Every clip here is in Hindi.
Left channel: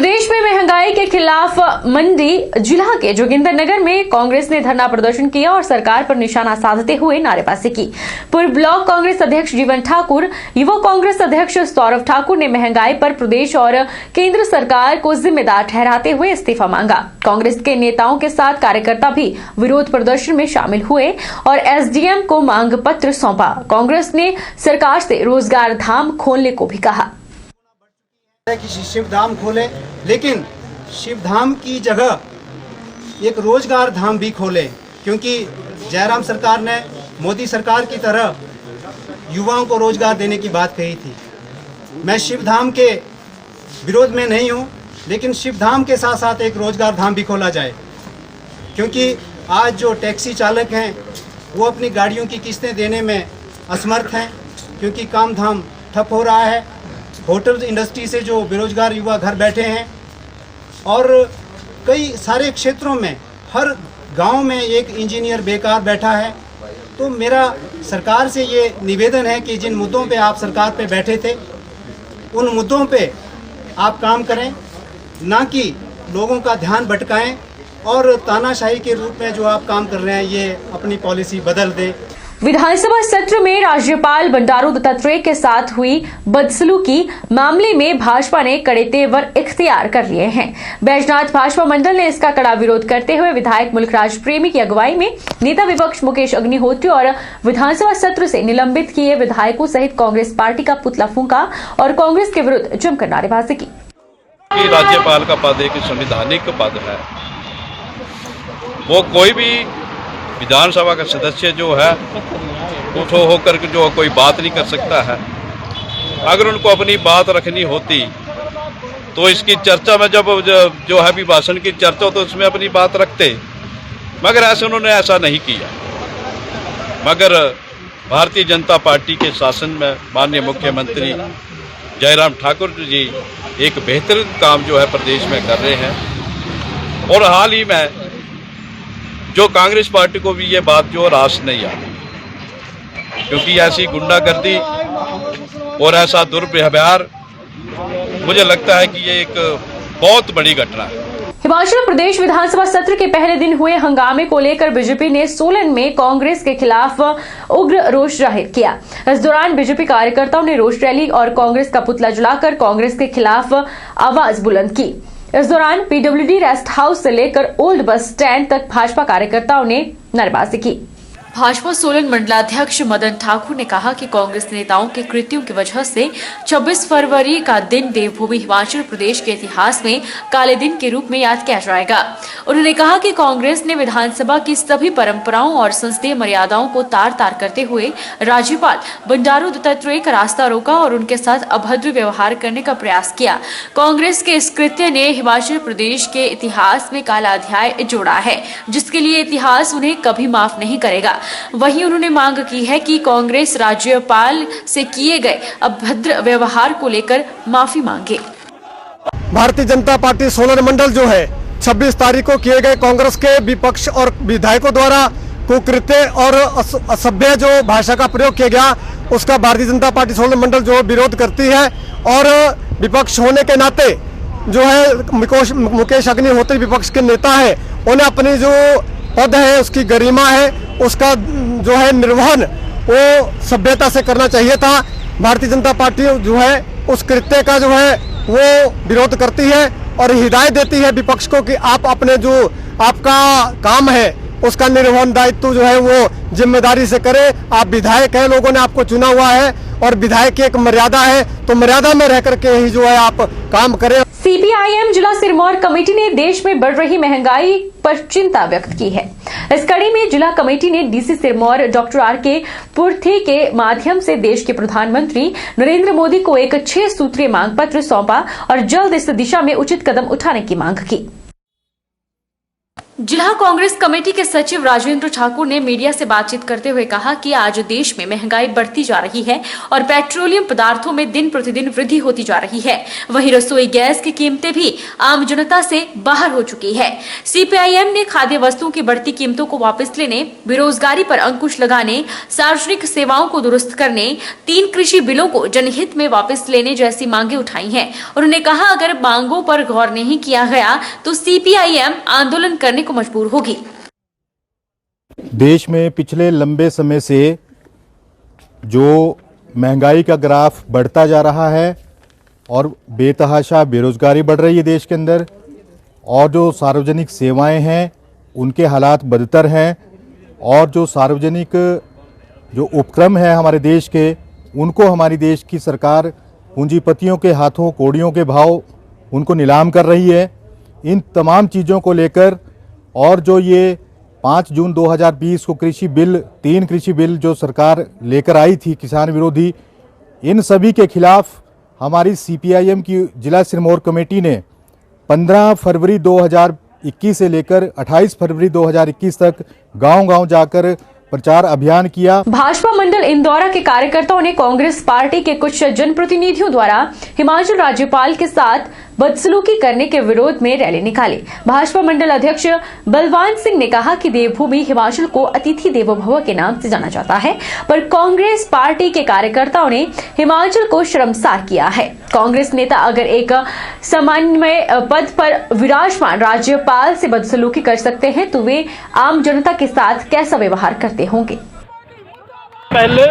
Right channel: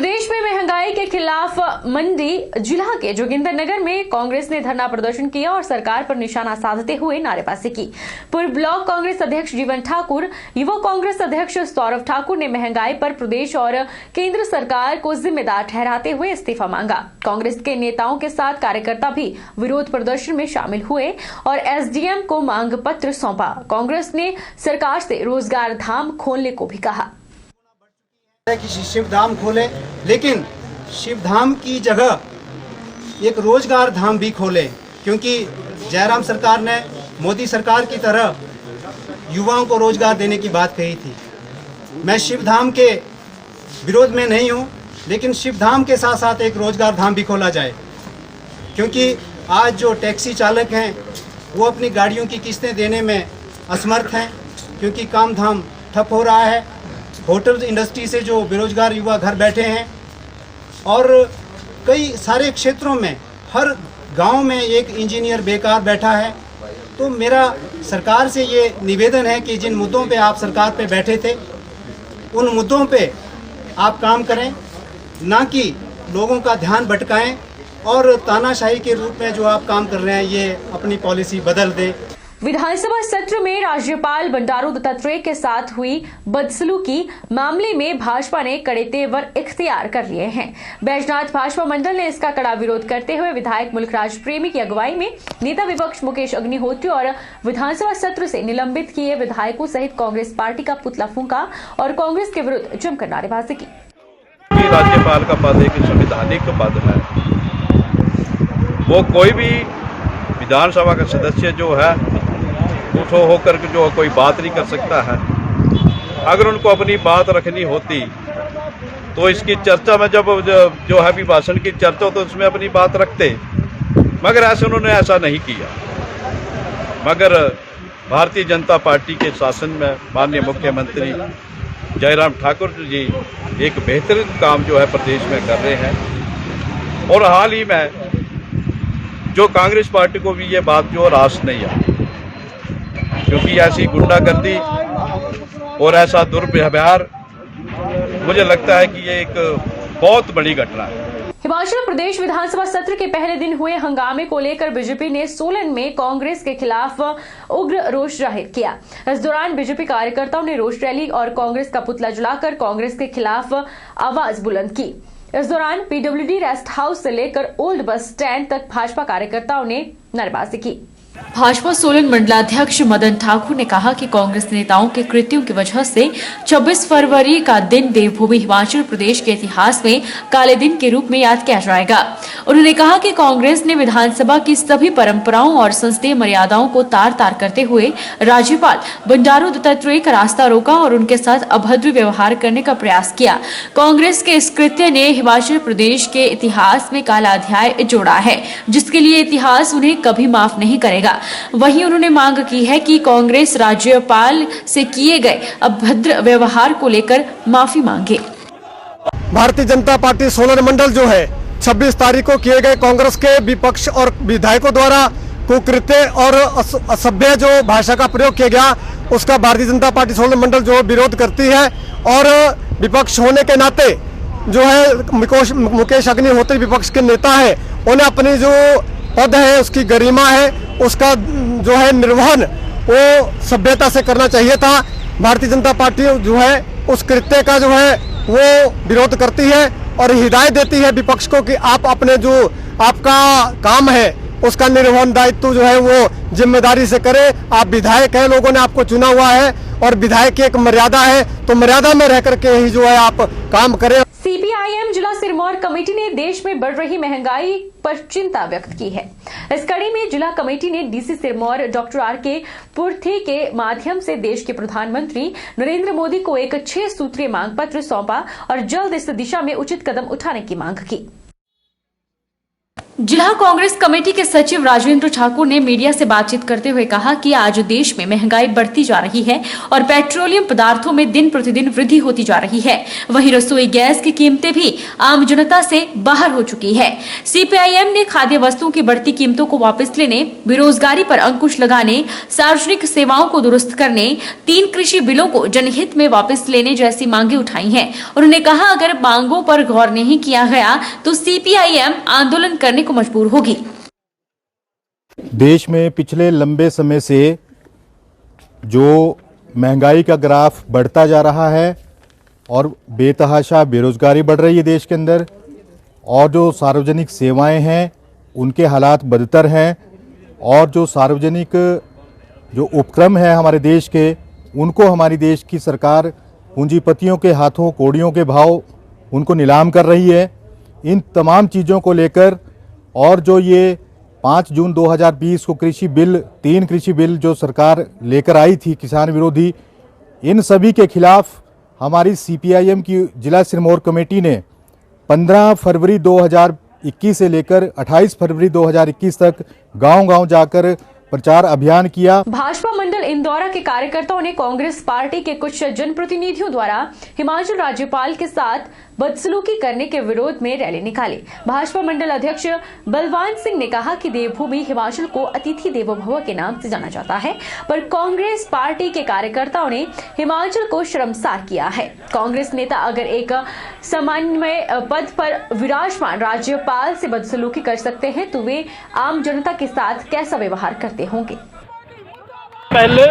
प्रदेश में महंगाई के खिलाफ मंडी जिला के जोगिंदरनगर में कांग्रेस ने धरना प्रदर्शन किया और सरकार पर निशाना साधते हुए नारेबाजी की। पूर्व ब्लॉक कांग्रेस अध्यक्ष जीवन ठाकुर, युवा कांग्रेस अध्यक्ष सौरभ ठाकुर ने महंगाई पर प्रदेश और केंद्र सरकार को जिम्मेदार ठहराते हुए इस्तीफा मांगा। कांग्रेस के नेताओं के साथ कार्यकर्ता भी विरोध प्रदर्शन में शामिल हुए और एसडीएम को मांग पत्र सौंपा। कांग्रेस ने सरकार से रोजगार धाम खोलने को भी कहा कि शिव धाम खोले, लेकिन शिव धाम की जगह एक रोजगार धाम भी खोले, क्योंकि जयराम सरकार ने मोदी सरकार की तरह युवाओं को रोजगार देने की बात कही थी। मैं शिव धाम के विरोध में नहीं हूं, लेकिन शिव धाम के साथ साथ एक रोजगार धाम भी खोला जाए, क्योंकि आज जो टैक्सी चालक हैं वो अपनी गाड़ियों की किस्तें देने में असमर्थ हैं, क्योंकि काम धाम ठप हो रहा है। होटल इंडस्ट्री से जो बेरोजगार युवा घर बैठे हैं और कई सारे क्षेत्रों में हर गांव में एक इंजीनियर बेकार बैठा है। तो मेरा सरकार से ये निवेदन है कि जिन मुद्दों पे आप सरकार पे बैठे थे उन मुद्दों पे आप काम करें, ना कि लोगों का ध्यान भटकाएं और तानाशाही के रूप में जो आप काम कर रहे हैं ये अपनी पॉलिसी बदल दें। विधानसभा सत्र में राज्यपाल बंडारू दत्तात्रेय के साथ हुई बदसलूकी मामले में भाजपा ने कड़े तेवर इख्तियार कर लिए हैं। बैजनाथ भाजपा मंडल ने इसका कड़ा विरोध करते हुए विधायक मुल्कराज प्रेमी की अगुवाई में नेता विपक्ष मुकेश अग्निहोत्री और विधानसभा सत्र से निलंबित किए विधायकों सहित कांग्रेस पार्टी का पुतला फूंका और कांग्रेस के विरुद्ध जमकर नारेबाजी की। राज्यपाल का पद एक संवैधानिक पद है, वो कोई भी विधानसभा का सदस्य जो है उठो होकर जो कोई बात नहीं कर सकता है। अगर उनको अपनी बात रखनी होती तो इसकी चर्चा में जब जो है अभिभाषण की चर्चा हो तो उसमें अपनी बात रखते, मगर ऐसे उन्होंने ऐसा नहीं किया। मगर भारतीय जनता पार्टी के शासन में माननीय मुख्यमंत्री जयराम ठाकुर जी एक बेहतरीन काम जो है प्रदेश में कर रहे हैं और हाल ही में जो कांग्रेस पार्टी को भी ये बात जो रास नहीं आई, क्योंकि ऐसी गुंडागर्दी और ऐसा दुर्व्यवहार मुझे लगता है कि ये एक बहुत बड़ी घटना है। हिमाचल प्रदेश विधानसभा सत्र के पहले दिन हुए हंगामे को लेकर बीजेपी ने सोलन में कांग्रेस के खिलाफ उग्र रोष जाहिर किया। इस दौरान बीजेपी कार्यकर्ताओं ने रोष रैली और कांग्रेस का पुतला जलाकर कांग्रेस के खिलाफ आवाज बुलंद की। इस दौरान पीडब्ल्यूडी रेस्ट हाउस से लेकर ओल्ड बस स्टैंड तक भाजपा कार्यकर्ताओं ने नारेबाजी की। भाजपा सोलन मंडलाध्यक्ष मदन ठाकुर ने कहा कि कांग्रेस नेताओं के कृत्यों की वजह से 26 फरवरी का दिन देवभूमि हिमाचल प्रदेश के इतिहास में काले दिन के रूप में याद किया जाएगा। उन्होंने कहा कि कांग्रेस ने विधानसभा की सभी परंपराओं और संसदीय मर्यादाओं को तार तार करते हुए राज्यपाल बंडारू दत्तात्रेय का रास्ता रोका और उनके साथ अभद्र व्यवहार करने का प्रयास किया। कांग्रेस के इस कृत्य ने हिमाचल प्रदेश के इतिहास में काला अध्याय जोड़ा है, जिसके लिए इतिहास उन्हें कभी माफ नहीं करेगा। वहीं उन्होंने मांग की है कि कांग्रेस राज्यपाल से किए गए अभद्र व्यवहार को लेकर माफी मांगे। भारतीय जनता पार्टी सोलन मंडल जो है 26 तारीख को किए गए कांग्रेस के विपक्ष और विधायकों द्वारा कुकृत्य और असभ्य जो भाषा का प्रयोग किया गया उसका भारतीय जनता पार्टी सोलन मंडल जो विरोध करती है और विपक्ष होने के नाते जो है मुकेश अग्निहोत्री विपक्ष के नेता है, उन्हें अपनी जो पद है उसकी गरिमा है उसका जो है निर्वहन वो सभ्यता से करना चाहिए था। भारतीय जनता पार्टी जो है उस कृत्य का जो है वो विरोध करती है और हिदायत देती है विपक्ष को कि आप अपने जो आपका काम है उसका निर्वहन दायित्व जो है वो जिम्मेदारी से करें। आप विधायक हैं, लोगों ने आपको चुना हुआ है और विधायक की एक मर्यादा है, तो मर्यादा में रह करके ही जो है आप काम करें। सीपीआईएम जिला सिरमौर कमेटी ने देश में बढ़ रही महंगाई पर चिंता व्यक्त की है। इस कड़ी में जिला कमेटी ने डीसी सिरमौर डॉक्टर आर.के. पुरथे के माध्यम से देश के प्रधानमंत्री नरेंद्र मोदी को एक 6 सूत्रीय मांग पत्र सौंपा और जल्द इस दिशा में उचित कदम उठाने की मांग की। जिला कांग्रेस कमेटी के सचिव राजेंद्र ठाकुर ने मीडिया से बातचीत करते हुए कहा कि आज देश में महंगाई बढ़ती जा रही है और पेट्रोलियम पदार्थों में दिन प्रतिदिन वृद्धि होती जा रही है। वहीं रसोई गैस की कीमतें भी आम जनता से बाहर हो चुकी है। सीपीआईएम ने खाद्य वस्तुओं की बढ़ती कीमतों को वापस लेने, बेरोजगारी पर अंकुश लगाने, सार्वजनिक सेवाओं को दुरुस्त करने, 3 कृषि बिलों को जनहित में वापस लेने जैसी मांगे उठाई हैं। उन्होंने कहा, अगर मांगों पर गौर नहीं किया गया तो सीपीआईएम आंदोलन करने को मजबूर होगी। देश में पिछले लंबे समय से जो महंगाई का ग्राफ बढ़ता जा रहा है और बेतहाशा बेरोजगारी बढ़ रही है देश के अंदर, और जो सार्वजनिक सेवाएं हैं उनके हालात बदतर हैं, और जो सार्वजनिक जो उपक्रम है हमारे देश के, उनको हमारी देश की सरकार पूंजीपतियों के हाथों कौड़ियों के भाव उनको नीलाम कर रही है। इन तमाम चीज़ों को लेकर, और जो ये 5 जून 2020 को कृषि बिल, 3 कृषि बिल जो सरकार लेकर आई थी किसान विरोधी, इन सभी के खिलाफ हमारी सीपीआईएम की जिला सिरमौर कमेटी ने 15 फरवरी 2021 से लेकर 28 फरवरी 2021 तक गांव-गांव जाकर प्रचार अभियान किया। भाजपा मंडल इंदौरा के कार्यकर्ताओं ने कांग्रेस पार्टी के कुछ जनप्रतिनिधियों द्वारा हिमाचल राज्यपाल के साथ बदसलूकी करने के विरोध में रैली निकाली। भाजपा मंडल अध्यक्ष बलवान सिंह ने कहा कि देवभूमि हिमाचल को अतिथि देवो भव के नाम से जाना जाता है, पर कांग्रेस पार्टी के कार्यकर्ताओं ने हिमाचल को शर्मसार किया है। कांग्रेस नेता अगर एक समन्वय पद पर विराजमान राज्यपाल से बदसलूकी कर सकते हैं तो वे आम जनता के साथ कैसा व्यवहार करते होंगे। पहले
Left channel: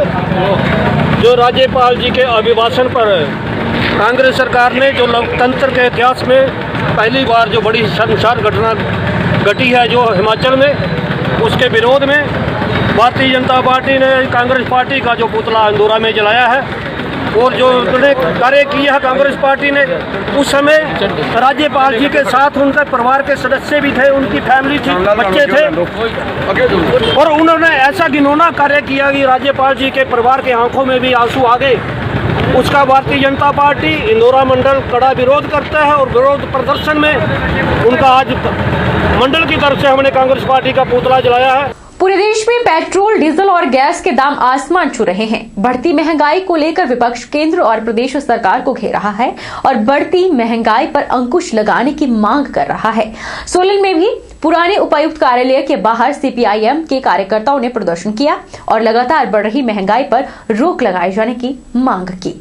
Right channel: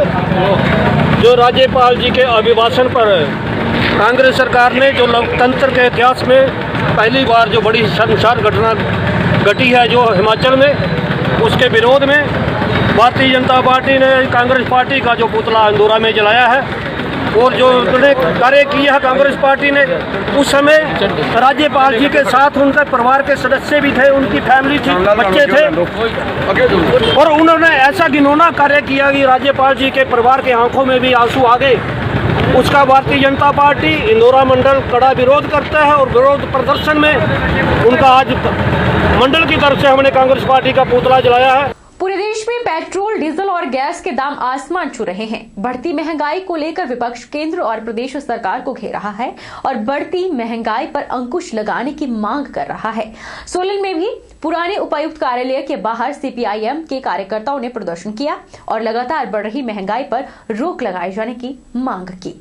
जो राज्यपाल जी के अभिभाषण पर कांग्रेस सरकार ने जो लोकतंत्र के इतिहास में पहली बार जो बड़ी शर्मसार घटना घटी है जो हिमाचल में, उसके विरोध में भारतीय जनता पार्टी ने कांग्रेस पार्टी का जो पुतला इंदौरा में जलाया है, और जो उन्होंने कार्य किया है कांग्रेस पार्टी ने, उस समय राज्यपाल जी के साथ उनके परिवार के सदस्य भी थे, उनकी फैमिली थी, बच्चे थे, और उन्होंने ऐसा घिनौना कार्य किया कि राज्यपाल जी के परिवार के आंखों में भी आंसू आ गए। उसका भारतीय जनता पार्टी इंदौरा मंडल कड़ा विरोध करता है, और विरोध प्रदर्शन में उनका आज मंडल की तरफ से हमने कांग्रेस पार्टी का पुतला जलाया है। पूरे देश में पेट्रोल, डीजल और गैस के दाम आसमान छू रहे हैं। बढ़ती महंगाई को लेकर विपक्ष केंद्र और प्रदेश सरकार को घेर रहा है और बढ़ती महंगाई पर अंकुश लगाने की मांग कर रहा है। सोलन में भी पुराने उपायुक्त कार्यालय के बाहर सीपीआईएम के कार्यकर्ताओं ने प्रदर्शन किया और लगातार बढ़ रही महंगाई पर रोक लगाए जाने की मांग की।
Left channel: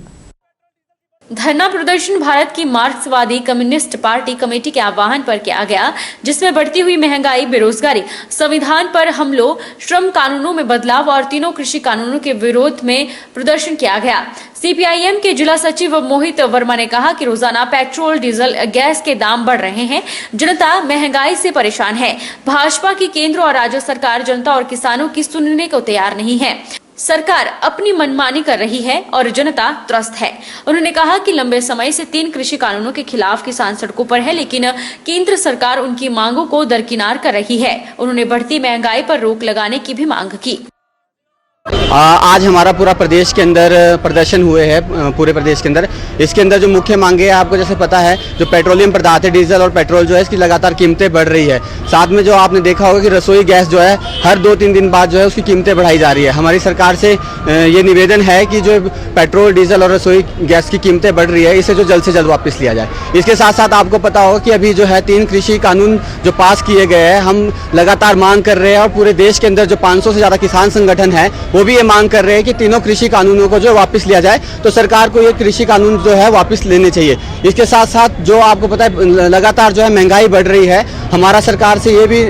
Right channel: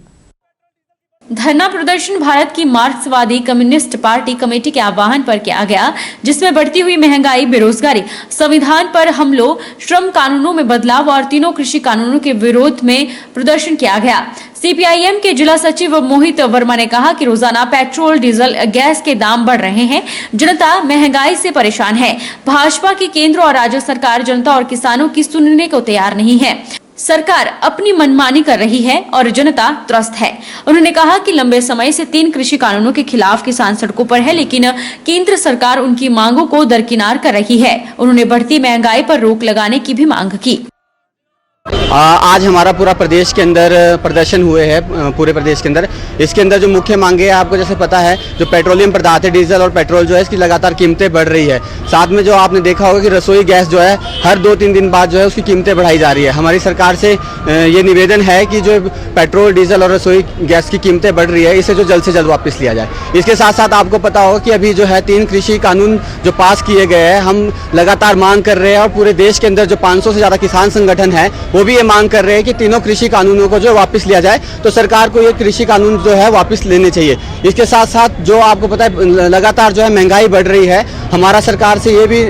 धरना प्रदर्शन भारत की मार्क्सवादी कम्युनिस्ट पार्टी कमेटी के आह्वान पर किया गया, जिसमें बढ़ती हुई महंगाई, बेरोजगारी, संविधान पर हमलों, श्रम कानूनों में बदलाव और 3 कृषि कानूनों के विरोध में प्रदर्शन किया गया। सीपीआईएम के जिला सचिव मोहित वर्मा ने कहा कि रोजाना पेट्रोल, डीजल, गैस के दाम बढ़ रहे हैं, जनता महंगाई से परेशान है। भाजपा की केंद्र और राज्य सरकार जनता और किसानों की सुनने को तैयार नहीं है। सरकार अपनी मनमानी कर रही है और जनता त्रस्त है। उन्होंने कहा कि लंबे समय से 3 कृषि कानूनों के खिलाफ किसान सड़कों पर है, लेकिन केंद्र सरकार उनकी मांगों को दरकिनार कर रही है। उन्होंने बढ़ती महंगाई पर रोक लगाने की भी मांग की। आज हमारा पूरा प्रदेश के अंदर प्रदर्शन हुए हैं, पूरे प्रदेश के अंदर। इसके अंदर जो मुख्य मांगे हैं, आपको जैसे पता है, जो पेट्रोलियम पदार्थ है, डीजल और पेट्रोल जो है, इसकी लगातार कीमतें बढ़ रही है। साथ में जो आपने देखा होगा कि रसोई गैस जो है हर 2-3 दिन बाद जो है उसकी कीमतें बढ़ाई जा रही है। हमारी सरकार से ये निवेदन है कि जो पेट्रोल, डीजल और रसोई गैस की कीमतें बढ़ रही है, इसे जो जल्द से जल्द वापस लिया जाए। इसके साथ साथ आपको पता होगा कि अभी जो है 3 कृषि कानून जो पास किए गए हैं, हम लगातार मांग कर रहे हैं, और पूरे देश के अंदर जो 500 से ज़्यादा किसान संगठन है वो भी ये मांग कर रहे हैं कि 3 कृषि कानूनों को जो वापस लिया जाए। तो सरकार को ये कृषि कानून जो है वापस लेने चाहिए। इसके साथ साथ जो आपको पता है लगातार जो है महंगाई बढ़ रही है, हमारा सरकार से ये भी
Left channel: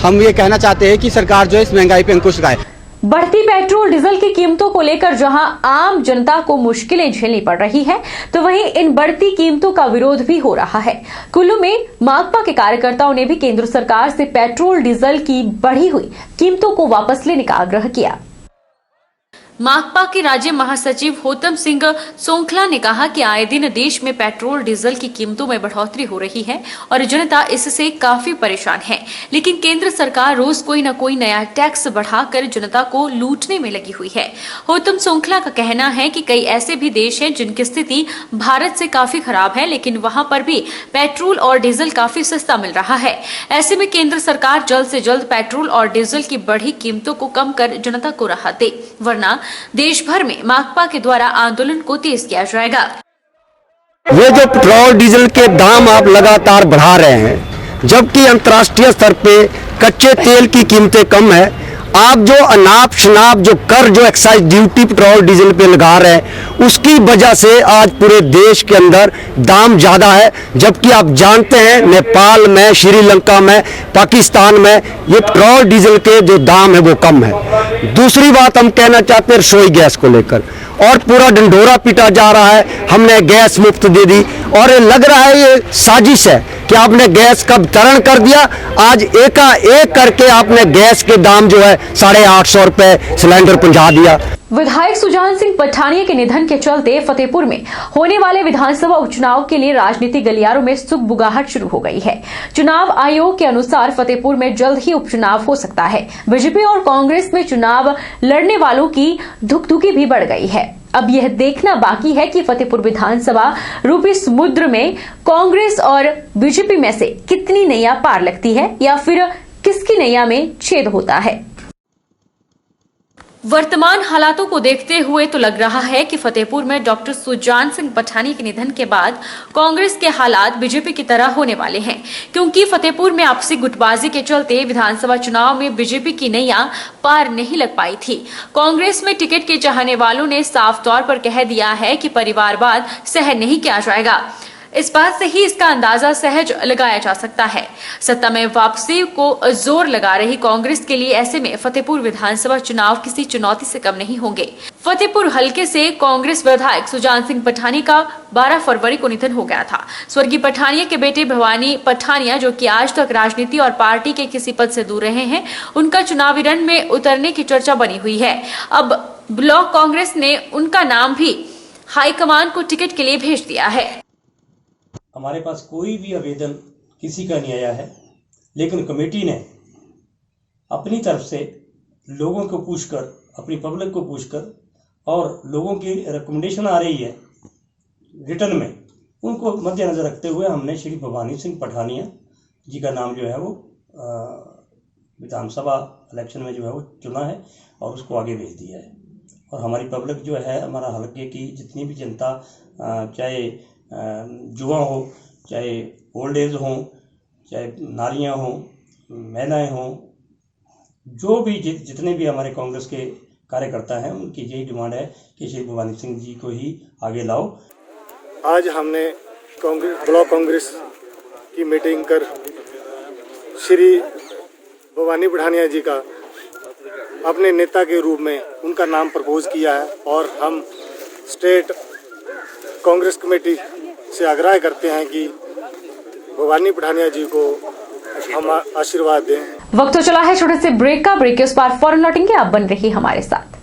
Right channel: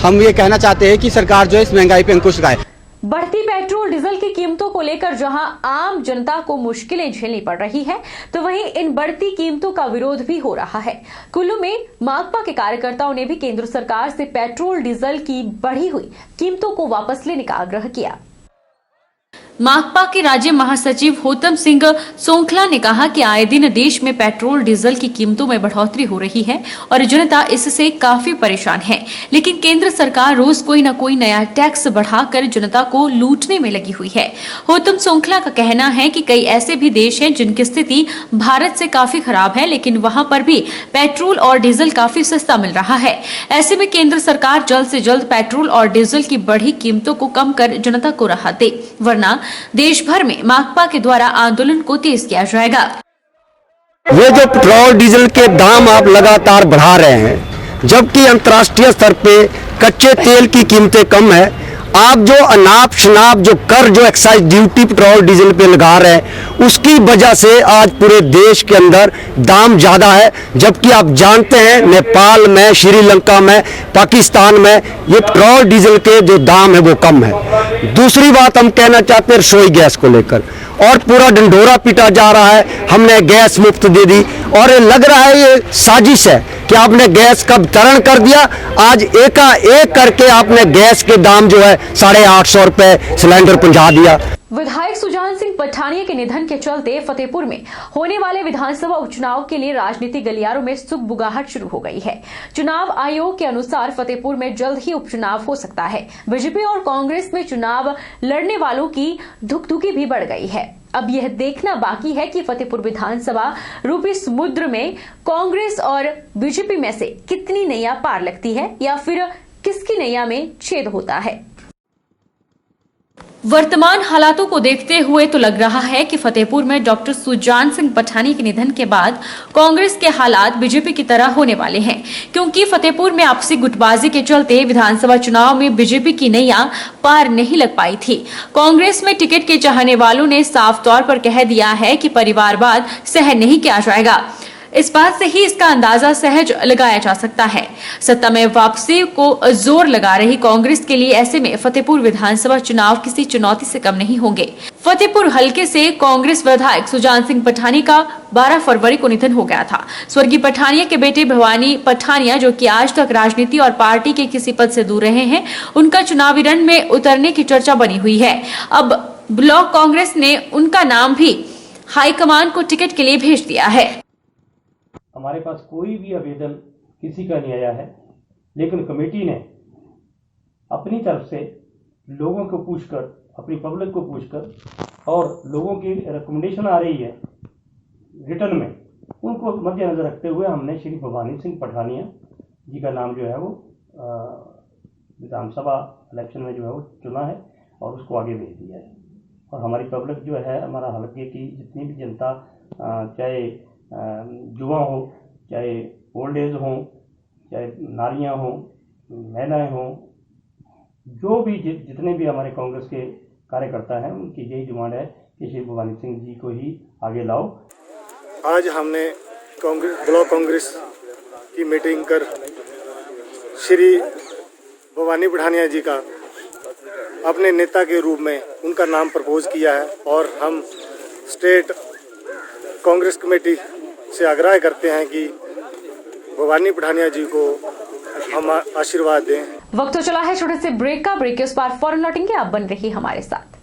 हम ये कहना चाहते हैं कि सरकार जो है इस महंगाई पे अंकुश लगाए। बढ़ती पेट्रोल, डीजल की कीमतों को लेकर जहां आम जनता को मुश्किलें झेलनी पड़ रही है, तो वहीं इन बढ़ती कीमतों का विरोध भी हो रहा है। कुल्लू में माकपा के कार्यकर्ताओं ने भी केंद्र सरकार से पेट्रोल, डीजल की बढ़ी हुई कीमतों को वापस लेने का आग्रह किया। माकपा के राज्य महासचिव होतम सिंह सोंखला ने कहा कि आए दिन देश में पेट्रोल डीजल की कीमतों में बढ़ोतरी हो रही है और जनता इससे काफी परेशान है, लेकिन केंद्र सरकार रोज कोई न कोई नया टैक्स बढ़ाकर जनता को लूटने में लगी हुई है। होतम सोंखला का कहना है कि कई ऐसे भी देश हैं जिनकी स्थिति भारत से काफी खराब है, लेकिन वहां पर भी पेट्रोल और डीजल काफी सस्ता मिल रहा है। ऐसे में केंद्र सरकार जल्द से जल्द पेट्रोल और डीजल की बढ़ी कीमतों को कम कर जनता को राहत दे, वरना देश भर में माकपा के द्वारा आंदोलन को तेज किया जाएगा। ये जो पेट्रोल डीजल के दाम आप लगातार बढ़ा रहे हैं, जबकि अंतर्राष्ट्रीय स्तर पे कच्चे तेल की कीमतें कम है, आप जो अनाप शनाप जो कर जो एक्साइज ड्यूटी पेट्रोल डीजल पे लगा रहे हैं, उसकी वजह से आज पूरे देश के अंदर दाम ज्यादा है। जबकि आप जानते हैं नेपाल में, श्रीलंका में, पाकिस्तान में ये पेट्रोल डीजल के जो दाम है वो कम है। दूसरी बात हम कहना चाहते हैं रसोई गैस को लेकर, और पूरा डंडोरा पीटा जा रहा है, हमने गैस मुफ्त दे दी, और ये लग रहा है ये साजिश है कि आपने गैस का वितरण कर दिया। आज एकाएक करके आपने गैस के दाम जो है 850 रुपए सिलेंडर पहुंचा दिया। विधायक सुजान सिंह पठानिया के निधन के चलते फतेहपुर में होने वाले विधानसभा उपचुनाव के लिए राजनीतिक गलियारों में सुगबुगाहट शुरू हो गई है। चुनाव आयोग के अनुसार फतेहपुर में जल्द ही उपचुनाव हो सकता है। बीजेपी और कांग्रेस में चुनाव लड़ने वालों की धुकधुकी भी बढ़ गई है। अब यह देखना बाकी है कि फतेहपुर विधानसभा रूपी समुद्र में कांग्रेस और बीजेपी में से कितनी नैया पार लगती है या फिर किसकी नैया में छेद होता है। वर्तमान हालातों को देखते हुए तो लग रहा है कि फतेहपुर में डॉक्टर सुजान सिंह पठानिया के निधन के बाद कांग्रेस के हालात बीजेपी की तरह होने वाले हैं, क्योंकि फतेहपुर में आपसी गुटबाजी के चलते विधानसभा चुनाव में बीजेपी की नैया पार नहीं लग पाई थी। कांग्रेस में टिकट के चाहने वालों ने साफ तौर पर कह दिया है कि परिवारवाद सहन नहीं किया जाएगा। इस बात से ही इसका अंदाजा सहज लगाया जा सकता है। सत्ता में वापसी को जोर लगा रही कांग्रेस के लिए ऐसे में फतेहपुर विधानसभा चुनाव किसी चुनौती से कम नहीं होंगे। फतेहपुर हलके से कांग्रेस विधायक सुजान सिंह पठानिया का 12 फरवरी को निधन हो गया था। स्वर्गीय पठानिया के बेटे भवानी पठानिया, जो कि आज तक राजनीति और पार्टी के किसी पद से दूर रहे हैं, उनका चुनावी रण में उतरने की चर्चा बनी हुई है। अब ब्लॉक कांग्रेस ने उनका नाम भी हाईकमान को टिकट के लिए भेज दिया है। हमारे पास कोई भी आवेदन किसी का नहीं आया है, लेकिन कमेटी ने अपनी तरफ से लोगों को पूछकर, अपनी पब्लिक को पूछकर, और लोगों की रिकमेंडेशन आ रही है रिटर्न में, उनको मद्देनजर रखते हुए हमने श्री भवानी सिंह पठानिया जी का नाम जो है वो विधानसभा इलेक्शन में जो है वो चुना है और उसको आगे भेज दिया है। और हमारी पब्लिक जो है, हमारा हल्के की जितनी भी जनता, चाहे युवा हो, चाहे ओल्ड एज हो, चाहे नारियां हो, महिलाएं हो, जो भी जितने भी हमारे कांग्रेस के कार्यकर्ता हैं, उनकी यही डिमांड है कि श्री भवानी सिंह जी को ही आगे लाओ। आज हमने ब्लॉक कांग्रेस की मीटिंग कर श्री भवानी पठानिया जी का अपने नेता के रूप में उनका नाम प्रपोज किया है, और हम स्टेट कांग्रेस कमेटी से आग्रह करते हैं कि भवानी पठानिया जी को हम आशीर्वाद दें। वक्त तो चला है छोटे से ब्रेक का। ब्रेक के उस पार फौरन लौटेंगे, आप बन रही हमारे साथ।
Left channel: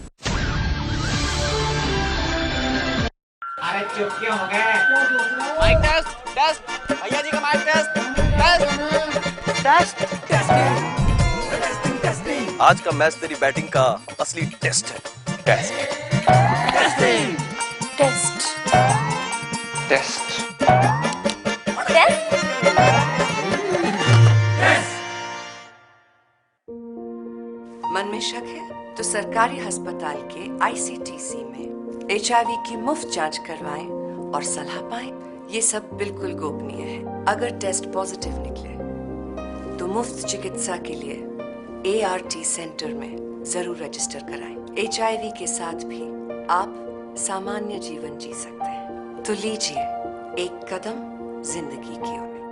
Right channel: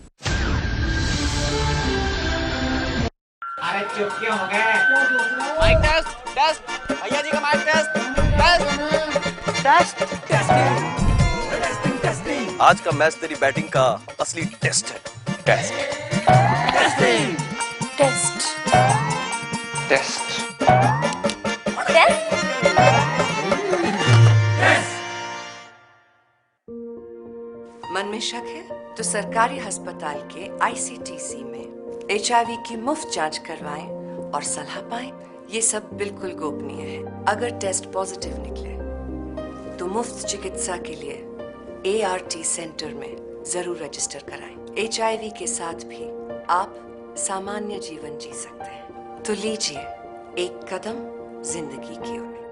अरे चुप क्यों हो गए? माइक टेस्ट, टेस्ट, भैया जी का माइक टेस्ट, टेस्ट, टेस्ट। आज का मैच तेरी बैटिंग का असली टेस्ट है। टेस्ट, टेस्टिंग, टेस्ट, टेस्ट, मन में शक है तो सरकारी अस्पताल के ICTC में HIV की मुफ्त जांच करवाएं और सलाह पाएं। ये सब बिल्कुल गोपनीय है। अगर टेस्ट पॉजिटिव निकले तो मुफ्त चिकित्सा के लिए ART सेंटर में जरूर रजिस्टर कराएं। HIV के साथ भी आप सामान्य जीवन जी सकते हैं। तो लीजिए एक कदम जिंदगी की ओर।